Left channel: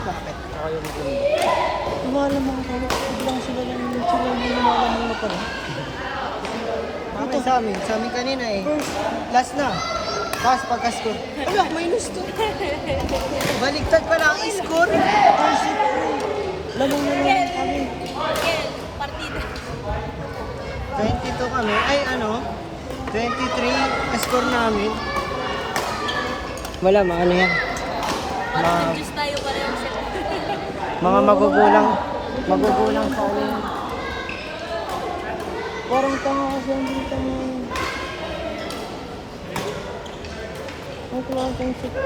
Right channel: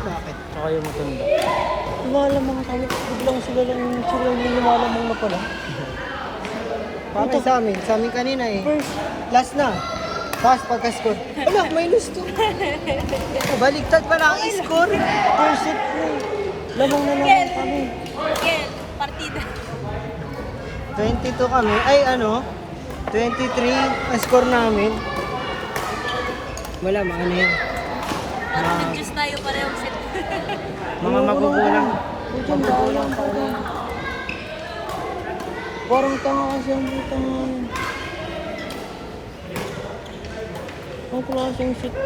Bakit? Ayun din. Inalam mo kami, biglang sila yung inalam mo pala. Parang sa amin kanina eh. Last na. Pass pagka-score. Wala, minus to. Baligtad pala ang score. Lamang na lang kami. 22 kami. Ay ano? 23 ang score namin. Wala, maano yan. Mga magugulang sa ano. Parang ito yung sila dito niya. Ang klase yung sit ko.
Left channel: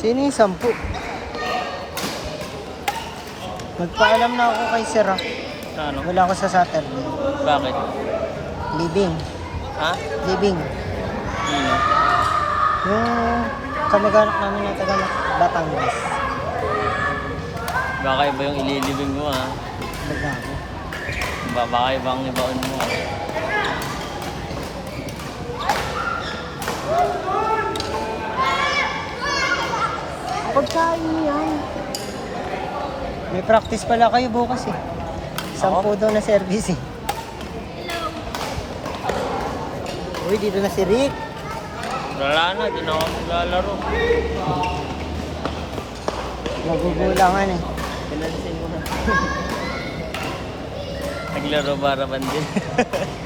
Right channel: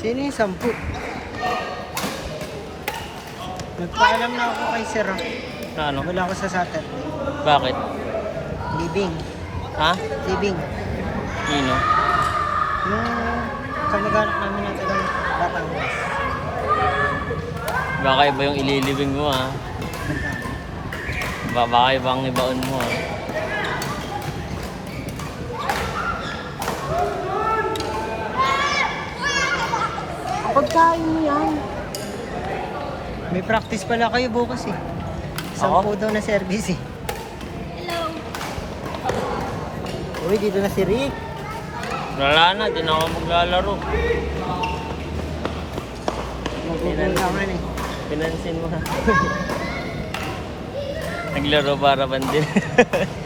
Sino yung 10? Magpaalam na ako kay Sir. Ano? Wala ako sa Saturday. Bakit? Living. Ha? Living. Sino? Yung kamag-anak namin na taga Batangas. Baka iba yung ililibing mo ha? Baka ibang ibaon mo ha? May practice pala kayo bukas eh. 10 daw na service eh. Uy, dito na si Rick. Wala na, di na ako maglalaro. Nagugulangan eh. Pinansin mo na. Naglaro para bandin.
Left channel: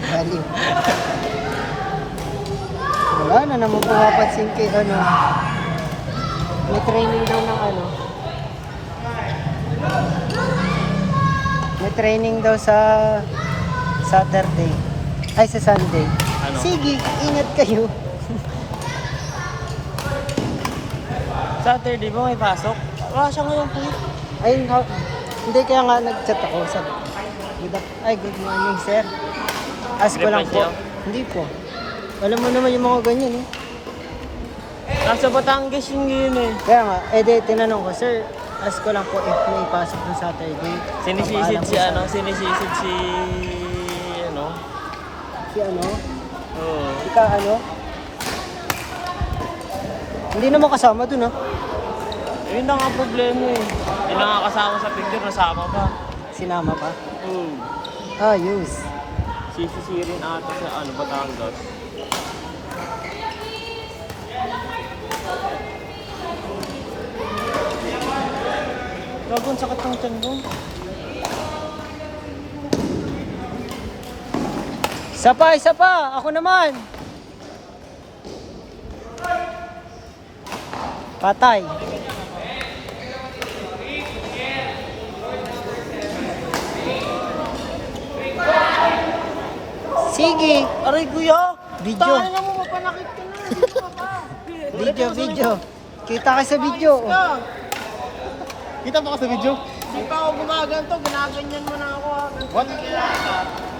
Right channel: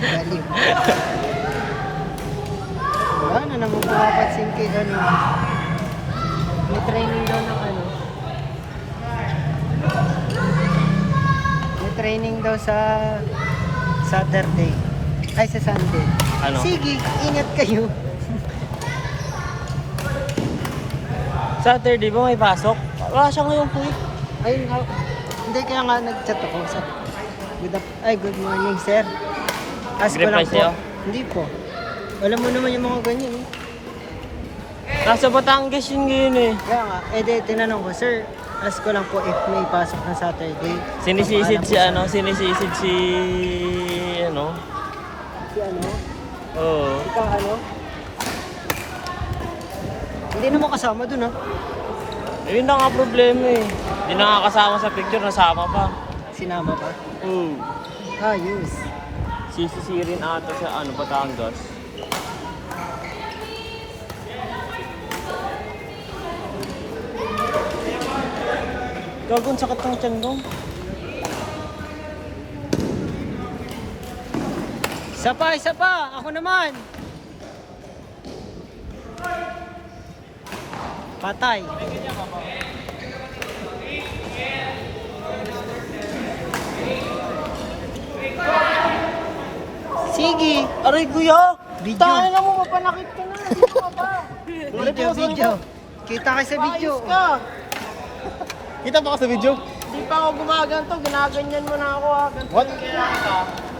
Dali. Wala na naman pumapansin kay ano. May training daw ng ano. May training daw sa Saturday. Ay, sa Sunday. Ano? Sige, ingat kayo. Saturday ba may pasok? Wala siya ngayon po eh. Ay, no. Hindi, kaya nga nag-chat ako. Sabi ko, good morning, sir. Ask ko lang po. Reply siya? Hindi po. Alam mo naman yung mga ganyan eh. Nasa Batangas yun ngayon eh. Kaya nga, tinanong ko, sir, ask ko lang po if may pasok na Saturday. Sinisisid Papaalam si po ano, sana. sinisisid si ano. Si ano? Oo. Ika ano? Hindi naman kasama dun ah. Yun na nga problema eh. Hindi na nga kasama sa picture, nasama pa. Sinama pa? Hmm. Ayos. Sisisirin ata sa ano, Batangas. Gagawin sakit ng tiyan mo. Isa pa! Ako naman! Patay. Sige. Aray kuya! Video. Tanga na mo, mapanakit ka na. Video. Kita ka sa video. Kita ba ka sa video? Hindi pa ako gumaganto. Ginaganyan mo na ako. What?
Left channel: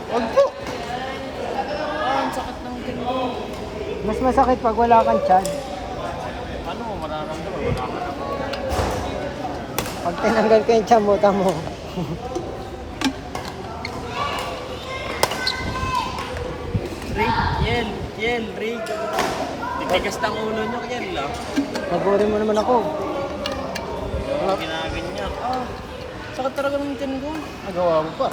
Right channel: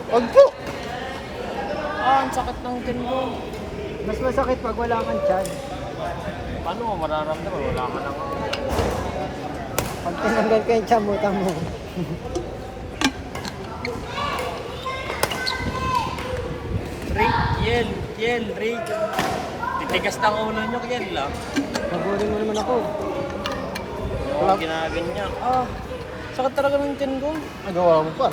Wag ko! Ang sakit ng tiyan mo. Mas masakit pag wala kang tiyan. Ano mo mararamdaman? Wala ka na. Pag tinanggal ko yung tiyan mo, tamo. Yel, break. Titigas na ang ulo nyo kaya lang. Nabori mo naman ako. Wala ginaganyan. Sakit talaga ng tiyan ko. Nagawa mo pa.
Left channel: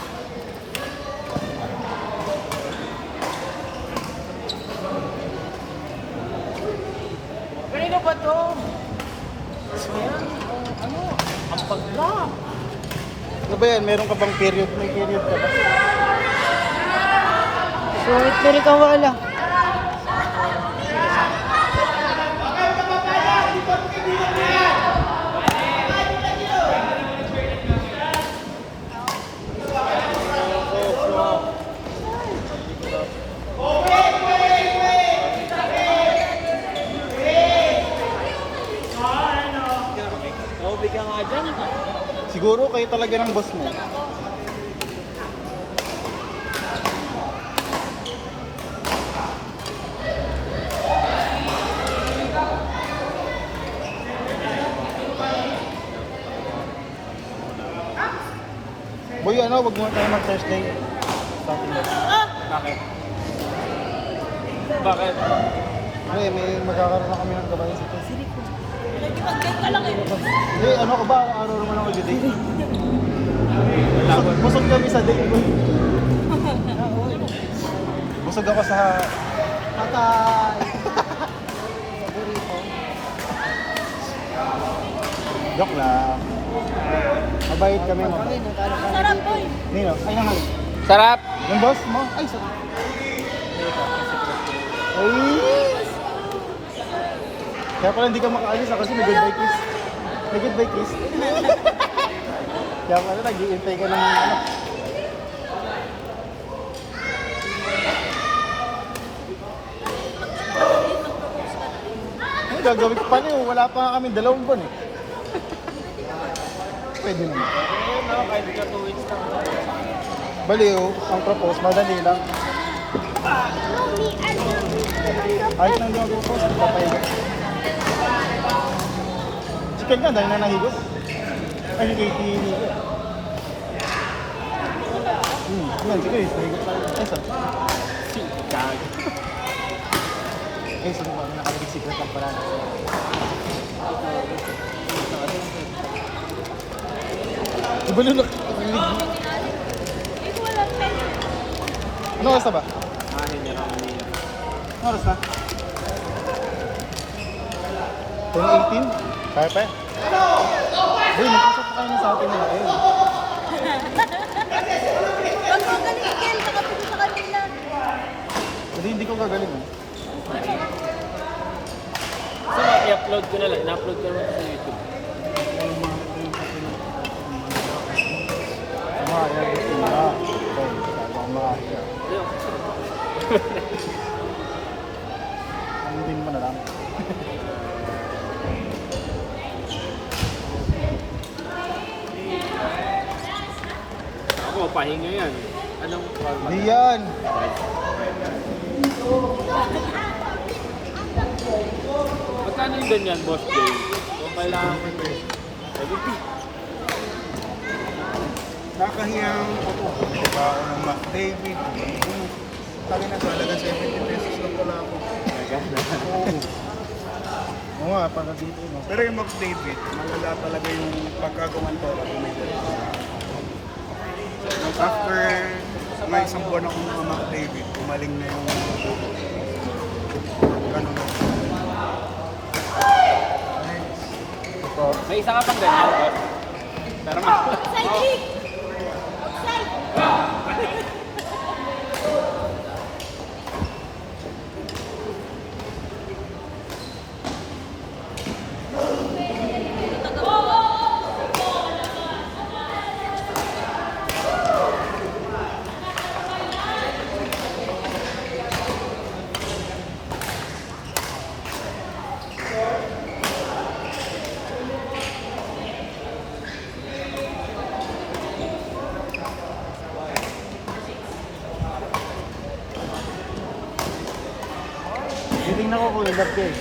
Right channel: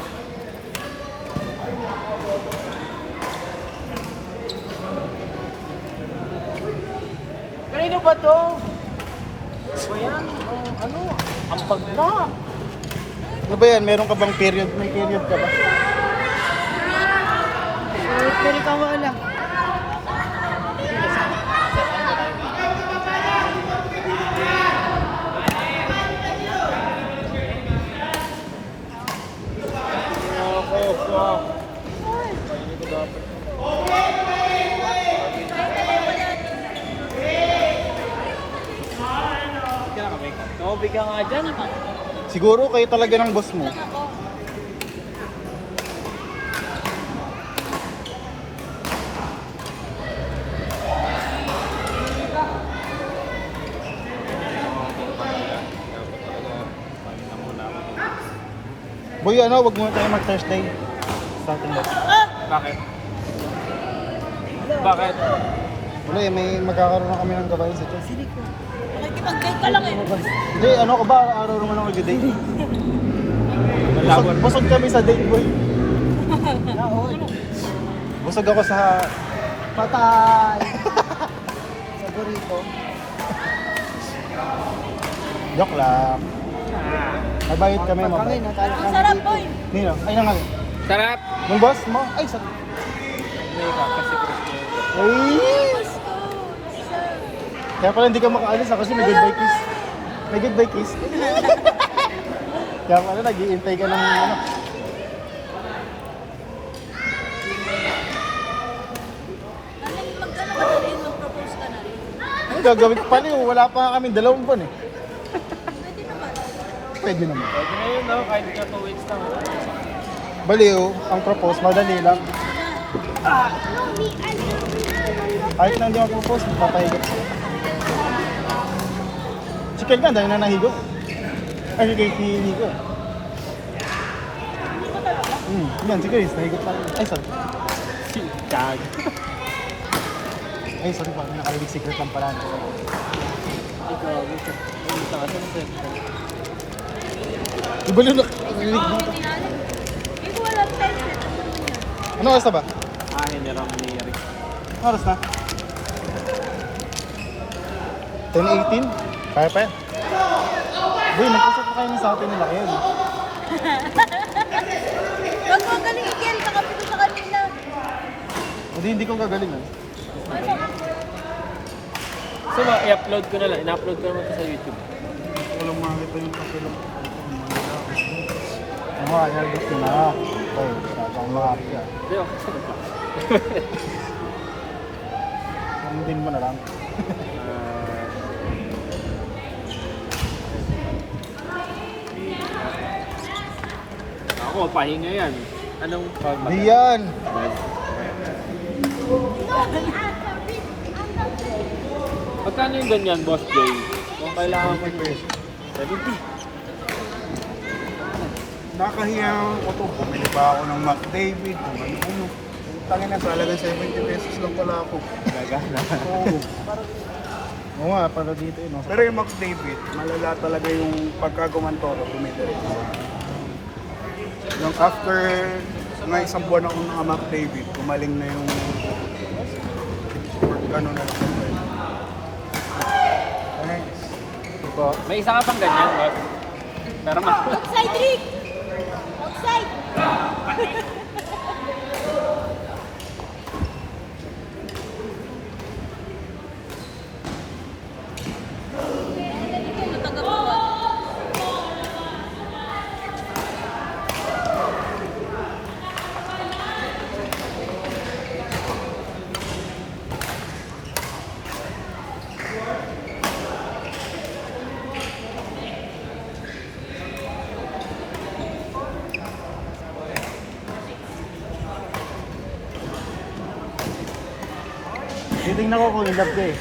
Ano ba to? Ano? Ang pagla. Ano ba yan? Meron ka bang period? May period ka ba? Pilit ang wala. Tumabig ka nga dyan. Siguro kayo talaga ng boss mo. Uy, ano, wag mo tayo ng Thursday. Something like that. Bakit? Bakit? Hindi, may magkakaroon na kami ng babae sa Thursday. Nag-date ka lang eh. Hindi, ano ko ba? Meron ko ng mag-date. Busog kami sa date ko. Busog ako sa... Patay! Sa burrito. Joke lang. Mabayad kami mo. Kami, natalo kami Sarap dito. boy. Nino, kaya nga. Sarap! Yung boss mo? Ay, sa... Ay! Kaya pala hindi ka makaalis kasi may goodbye kiss. May goodbye kiss. Kaya pala nag-iintay ka naman. Ano gagawin ko pa niyo? Wala pa nga kami 2 buwan eh. Pwede naman. Baliw, ang propose, madali lang. Kahit lang din ang propose, kaya. Si Kel nga, dahil na nahigot. Ay, kay Nico. Yan, si Chris, nahigot. Ay, sorry. Ay, sorry ba? May secret ang parang. Ibalo na. Ano oras na ba? Ano oras na? 10:18? Kaya pa yan? Hindi, nakasok ko kayo sa akin nila yun. Ang magaling yan. Nakapito sa kanila. Hindi ko gagaling. So, i-upload ko na lang. I-upload ko naman sa YouTube. Walang mahal ko yung kasi ng Hindi mo na lang. Ako, pahinga yan. Anong Hindi yan. Magkano yung ganyan, Boss Jay? Kung kailangan ko 70. Nakahiyang ko to. Bumili pa ako ng McDavid. Bumili Tali na talaga 70 pesos lang pala ako. Oo. Oo nga, pala dito yun. Pero yung McDavid, malala talaga yung pagkagawan ko ako bumili. Nung after mga 1 buwan ako ng McDavid, kumaling na yung ano na. Yes. May isa ka pang ganyan, ba? Pero Side kick! Side! Titingnan ko kung in love ka eh.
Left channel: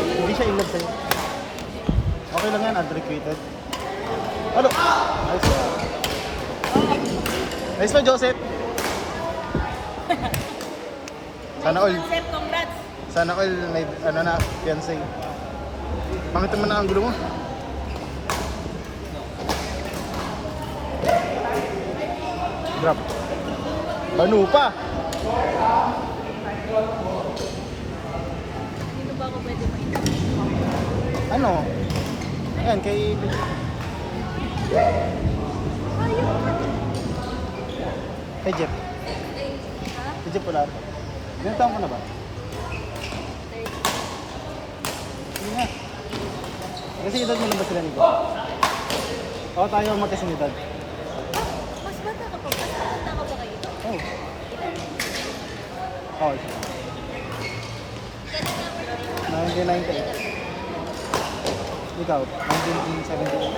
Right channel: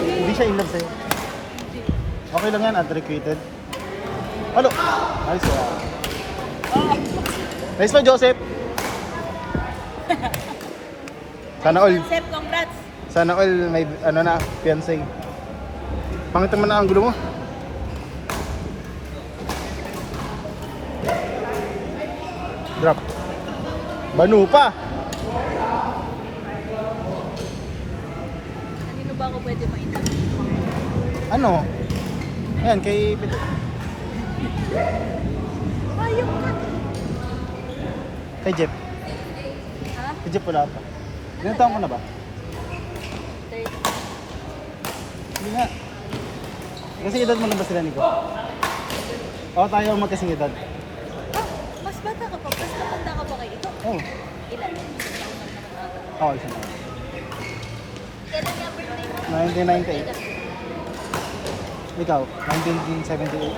Hindi siya in love sa'yo. Okay lang yan, unrequited. Ano? Nice. Nice pa, Joseph. Sana all. Sep, congrats! Sana all may ano na, fiancé. Pangit naman na ang gulo mo. Drop. Banu pa. Dito ba ako pwede pa ito? Ano? Ayan, kay... Kay Jeff. Kay Jeff wala. Ilan taon ko na ba? Hindi nga. Kasi edad mo naman sila nito. Oo, tayo ang magkasing edad. Mas bata ka pa. Mas bata ka pa kayo. Oo. Ah, isa. 1998. Ikaw, 1978.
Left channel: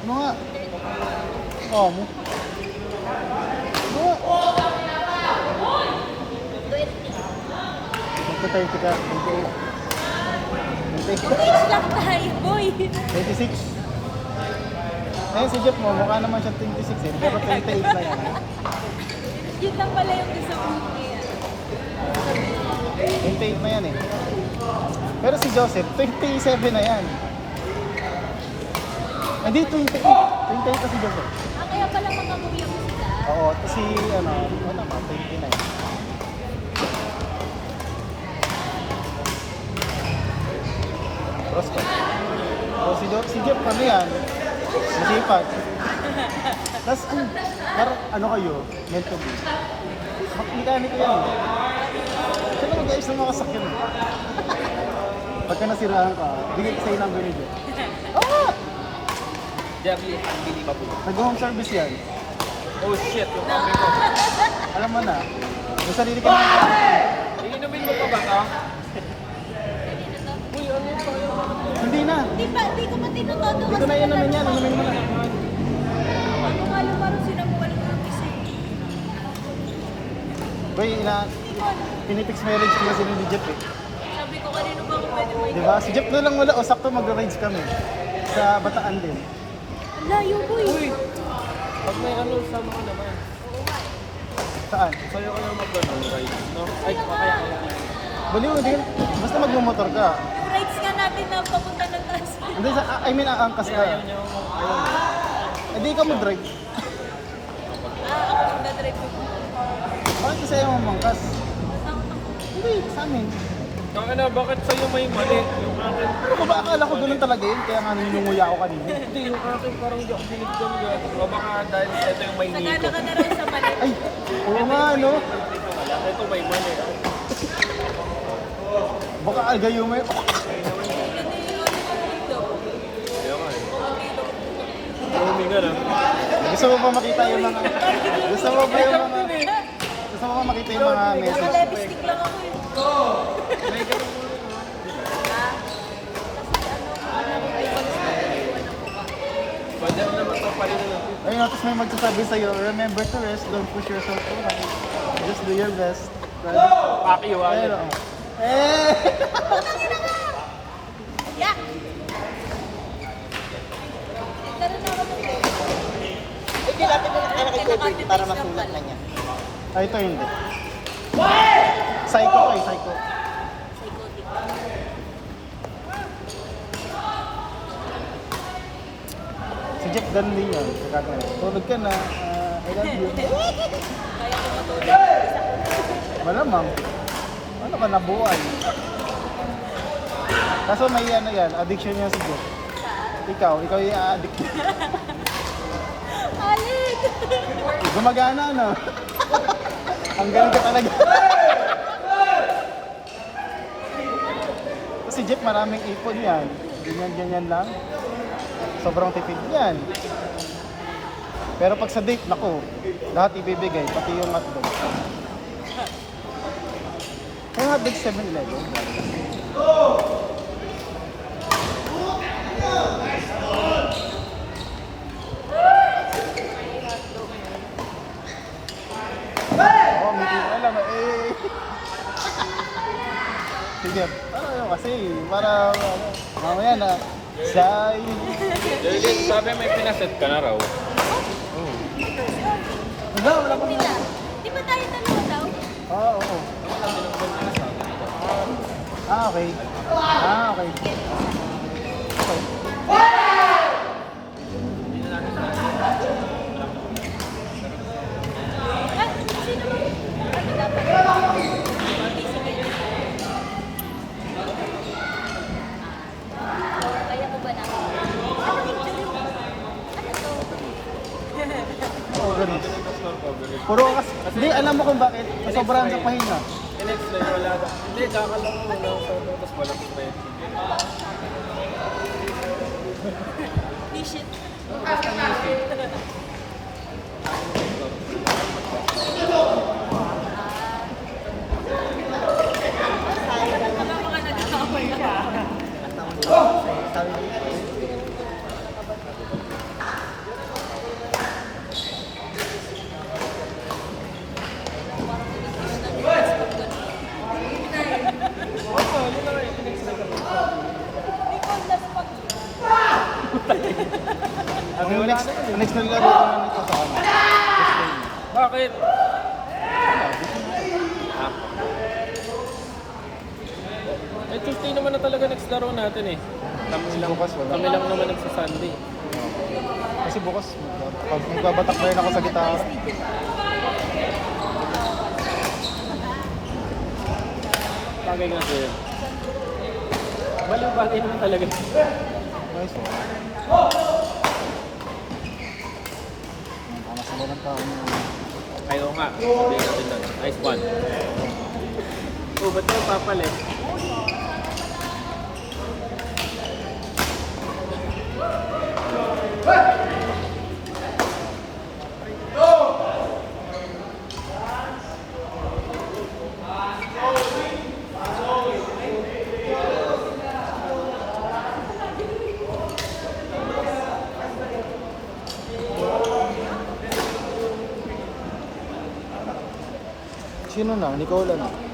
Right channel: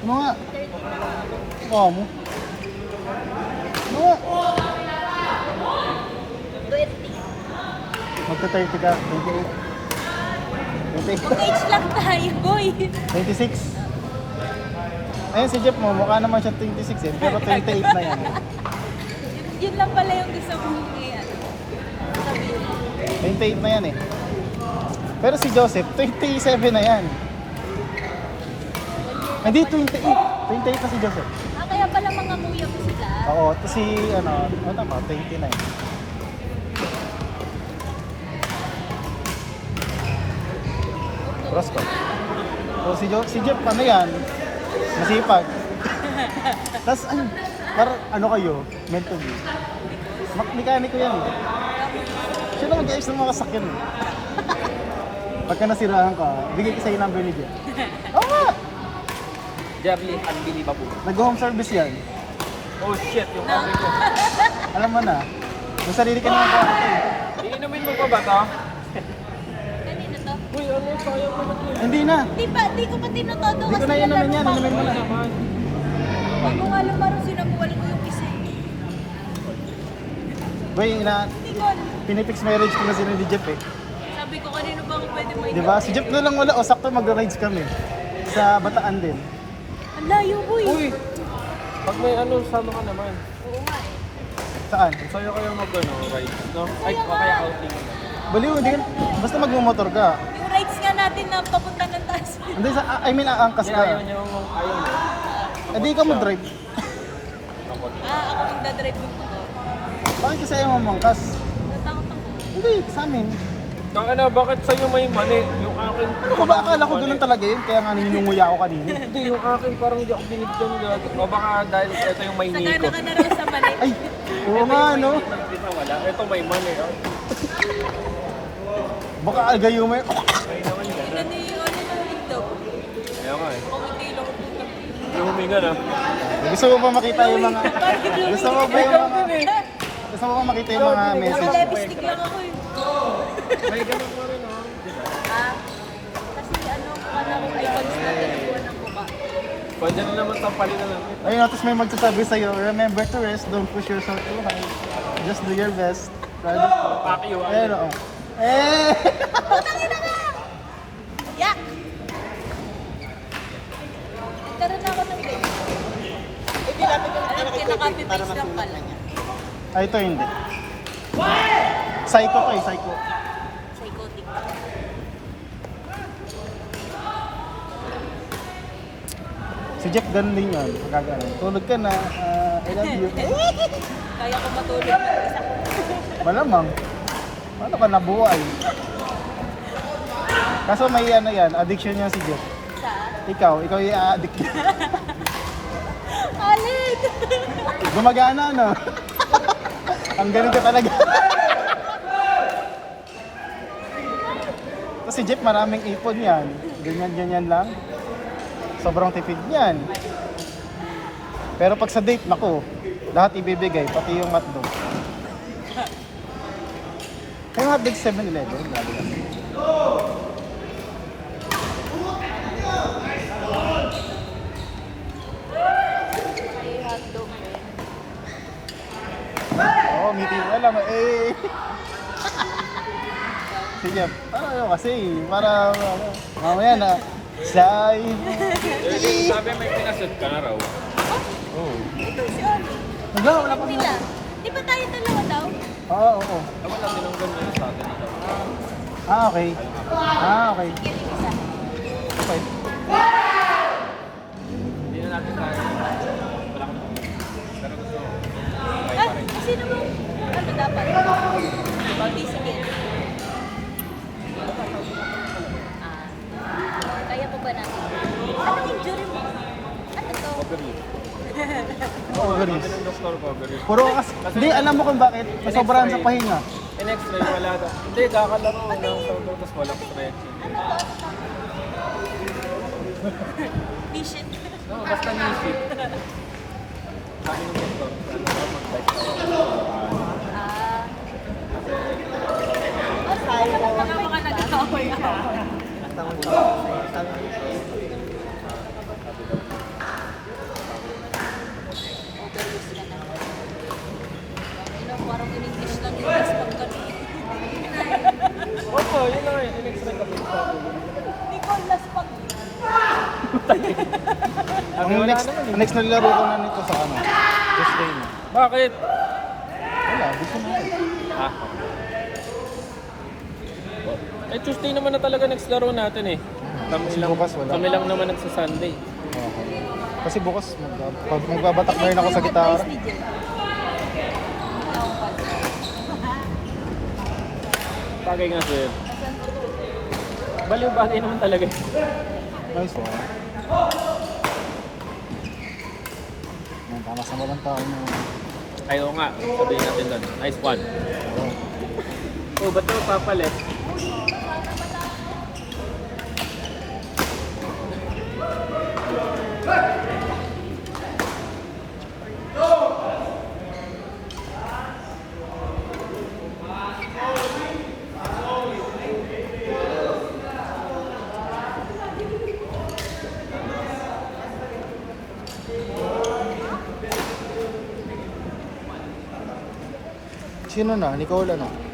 Ano nga? Ano mo? Ano nga? Magka-30 ka, 28. Age lang tayo, boy! eh. 26. Eh, si Jeff mo, mukha naman siya 26 eh. Pero 28 na yan. Yun lang pala yung gusto kong yan. 28 na yan eh. Pero si Joseph, 27 na yan. Hindi, 28. 28 na si Joseph. Kaya pala mga kuya ko sila. Oo, si, ano ko, 20 na. Cross ko. So, si Jeff pa na yan. Masipag. Tapos, ano kayo? Mental. Mekaniko yan. Sino mag-ayos ng mga sakyan? Pagka nasiraan ka, bigay ka sa'yo ng binigyan. Jerry, hindi pa po. Nag-home service yan. Oh shit, yung kape ko. Alam mo na. Kung sarili ka naman. Iinumin mo pa ba ito? Hindi na. Di ko pa tinutodo Hindi ko na inumin yan. Inumin mo na. Hindi ko alam parang sinabi ko lang ang isa eh. Wait, Hindi ko alam. pinipix marriage ko na sila ni Jeff eh. Sabi ko kanino pa ako pwede may... Di ba? Si Jeff na lang wala. O sakto mag-rides kami. Sa Bataan din. Layo ko eh. Uy! Pag may ano, sama ka naman. Saan? Sa'yo kayo mag-ride, no? Ay, kaya. Bali mo din. Basta magmumotor ka. Yung rides nga natin na papunta ng taas. Hindi, I mean, aangkas ka. Ayaw niyo, ayaw niyo. Hindi ka mag-drive. Ako nagdadrive mo. Bakit kasi ayaw mong mangkas? Hindi, sa amin. Ang ano, bakit sa'yo may mali? Yung akin, Baka akala ko ganun talaga yun. Kaya nga nanginguya ako kanina. Hindi, yung akin parang hindi ako binigyan nila. Baka dahil ito yung may Sanay niko. ka na rin sa mali. Ay, oo nga, no? Ito may mali. Baka agayo mo yun. Yan na yun. Kaya nga eh. Huminga na. Gusto mo ba makita yung mga... Gusto mo ba yung mga... Gusto mo ba makita yung mga message? Lipstick lang ako eh. Pwede na naman tampalin na. Ayun, tapos may magsasabi sa'yo, remember to rest, don't push yourself. Just do your best. Paki, Ayun, wala. Eh! Yeah. Ganun ako mag-drive. Kinaka-device lang pala. Ay, ito hindi. Psycho kay psycho. Psychotic. Si Jeff ganun din yun. Tulog ka na. I love you. Kaya ko matulog. Malamang. Ano ka nabuhay? Kaso may ano yan, addiction yan si Jeff. Ikaw yung a-addict. Alin! Gumagana, no? Ang galing ka talaga. Si Jeff maraming ipon yan. Ganyan lang. Sobrang tipid niyan. Pero pag sa date, naku, lahat ibibigay, pati yung hotdog. Yung hotdog 7-Eleven. Oo, may alam mo, eh. Si Jeff, ano yun kasi, parang, mamaya na, say, Sabi may pinaset ka na raw. Oh. wala ko. Nila. Di ba tayo dalawa daw? Oo, oo. Okay. Okay. At sino mo? Ano dapat? Hindi, sige. Kaya ko ba natin? Ano yung jury mo? Ganun. Puro kas... Hindi, alam mo kung bakit. Sobrang sa pahinga. Next day, wala ka. Hindi, kakalaro ko lang sa tapos walang correction. Mission. Basta music. Mga nagkakaway siya. Opo, yun lang. Next day. Next na laro ko na nito sa akin. Tuesday. Bakit? Eh, Tuesday naman na talaga next laro natin eh. Kasi bukas wala. Kami lang naman sa Sunday. Kasi bukas, magbabatak na rin ako sa gitara. Bagay nga sa'yo. Baliw bagay naman talaga. Nice eh. Nasa lang pa rin. Ayaw nga. Sabihin natin nun. Nice one. Oh, ba't ka papalit? Sino na? Nicola na.